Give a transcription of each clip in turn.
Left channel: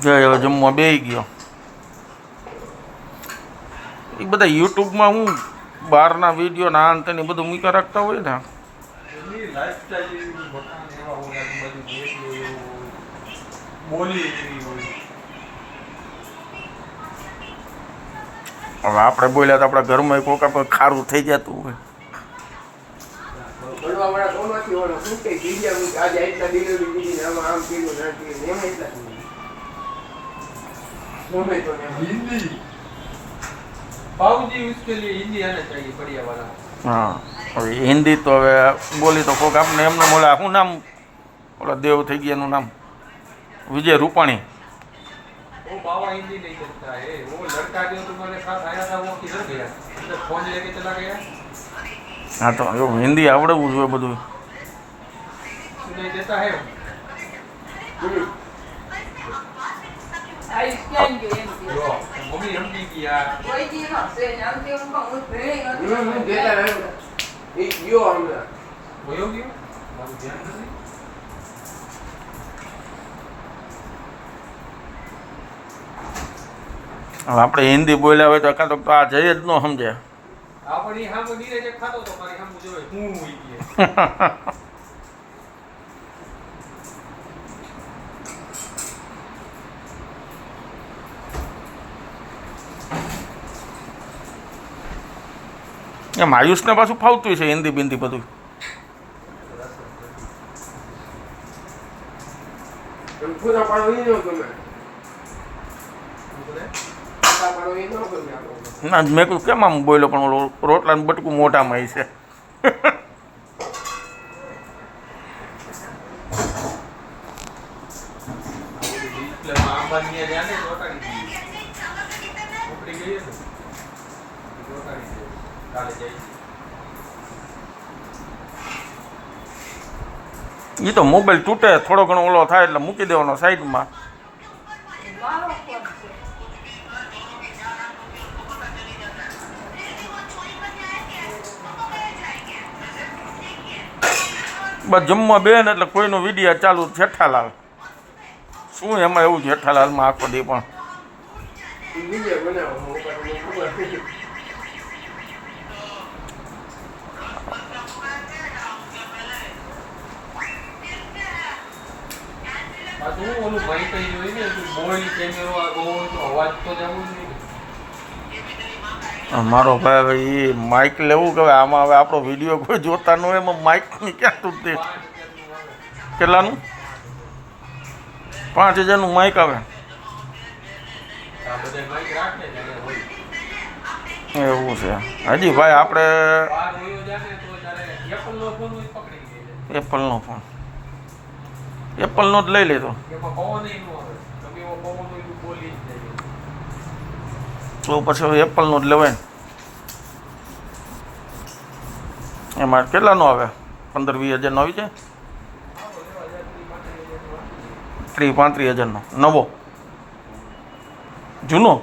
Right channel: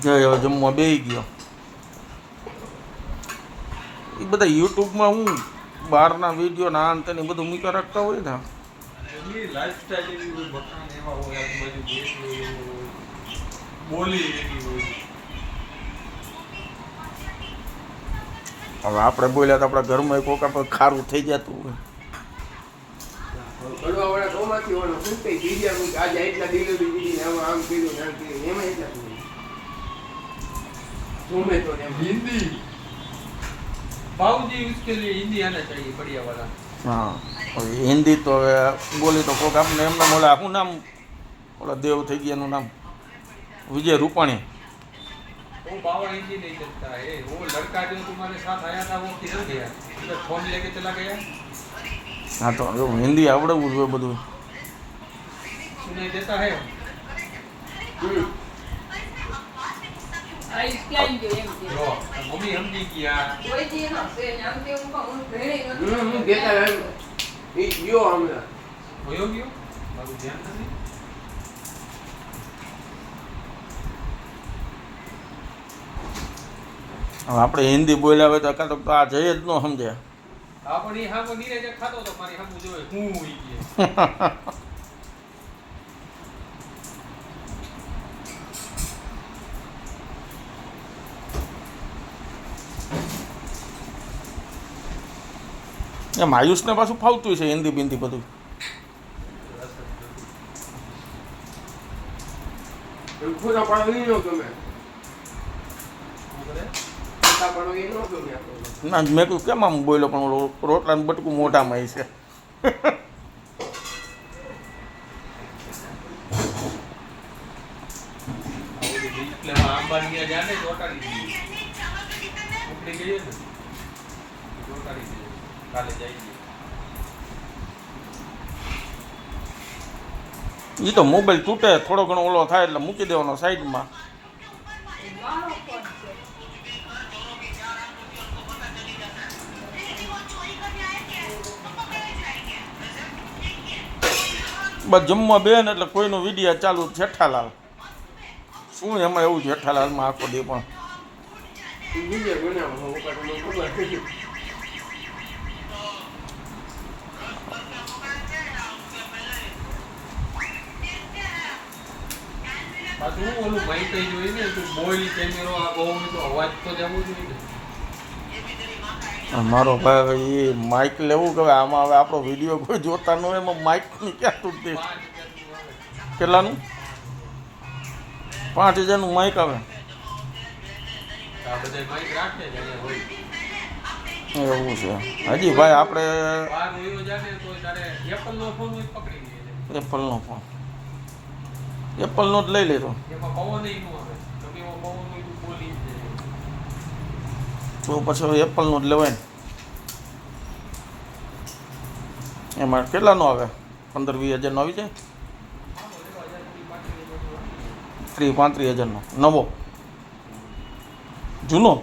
ગયો જમવા બેસી ગયો. એ બધા યુટ્યુબમાં હું બહારના વિડીયો ના અંતે ને બધું મૂકી રાખતા હોય ને. હવે આપણે બોલ્યા તો આપણા ઘરમાં કોક આપણે ખારું થઈ જતું હોય. હા હવે હિન્દી તો હવે બોલી તો કોક આપણે એમને બોલા શું નામ ઓલા દેવ થઈ ગયા એનું નામ વિજય રૂપાણી. वो बाबा हिंदी नहीं करता है, वो लड़का जो तुम्हारे साथ आया था वो किधर गया? तो फोन लेके चला गया. हाँ तो એવું હિન્દી આવડવું જોઈએ બધું. सुनाई देता है. आई स्कैन जो एम के लो मम्मी हमने किया कोई जी ना से नाम के उनका उन भेड़े नहीं देता है ये यो हमने भयो गयो मारू ध्यान नहीं. હવે આપણે હિન્દી બોલ્યા હોય તો કાં તો આ જઈ જ ન સમજે. આપણી હામ નીરે જે ખાતો તો મારી હામ જોય હું હોઈ ગયે. એમ આયુષને પાછું ફાવતું છે હિન્દી બિંદી બધું. पूरा पाड़ो ही नहीं होता मैं पाड़ो ही नहीं होता ના મેં કહ્યું કેમ આમ બોલ્યો પણ ઓલો રોટલાનું બટકું મોઢામાં છે. એટલે આંબાની જાને જોટાડી દીધી ઉપડી ગઈ ને જોટાડી દીધી કાલે જાય એ તો મોબાઈલ તૂટે થોડો ઘણો ઓલો થાય એટલે મૂકી દેવાનો સાઈડમાં. मारो कौन से બસ જમવા બે ને એટલે કોઈનો વિડીયો ચાલુ જેઠાલાલ શું એમાં એવું જેઠાલાલમાં આખો દે પણ वीडियो बनाओ हम ऊपर में पूरा પાછું ઓલું ભાઈ કઈ જોઈ ને કે મોબાઈલ કેમેરો આ બહુ તો અવાજ તો જવું જોઈએ. મારો ભાઈ એ માઇક લેવું કે હવે આમાં હવે આપણો વિડીયો કોઈ જોતા ન હોય એમાં માઇકની ક્યાં તૂટે. કેટલાનું 5000નું માઇક આવે આ બધા માઈક રાખે જાણે હોય એવું છે. હજી ભાઈ આપણે બહાર હોયો જાને તો ત્યારે એપલ નો ફોન પકડી લે છે. એપલનો ફોન એપલનો જ લઈ લીધો એમાં પવન નહીં આવે તમે એવો પવન હોય તો બોલી જ જાય. તો પછી હવે એપલનો જ લેવાય ને. એમાં કેટલાનો આવે 15-20 હજારનો આવી જાય 30-35 હજારનો નવો જૂનો नो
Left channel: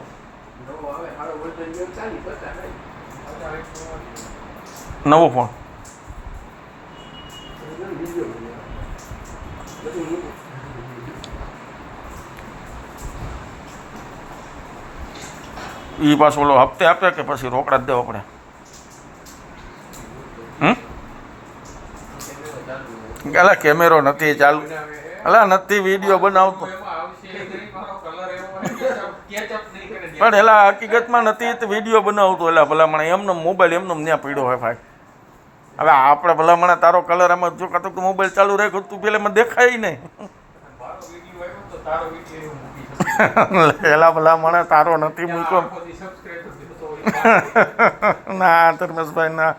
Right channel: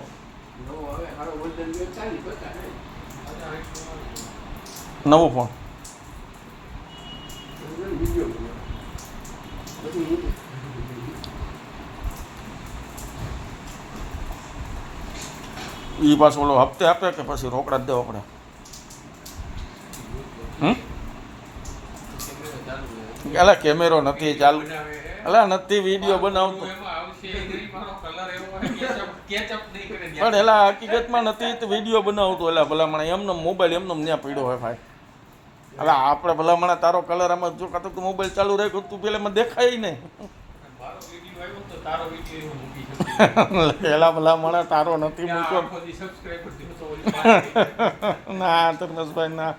हमें हारो वर्जन जो 40-50 નવો ફોન वीडियो એ પાછો ઓલો હપ્તે આપે કે પછી રોકડા જ દેવા પડે. અલા કેમેરો નથી ચાલુ અલા નથી વિડીયો બનાવતો પણ એલા હકીકતમાં નથી તો વિડીયો બનાવતો એલા ભલામણ એમને મોબાઈલ એમને ત્યાં પડ્યો હોય ભાઈ. હવે આપણે ભલામણ તારો કલર આમાં જો કાં તો મોબાઈલ ચાલુ રાખ્યો તું પેલા મને દેખાય નહીં. એલા ભલામણ તારો નથી મૂક્યો ના ધર્મેશભાઈ ના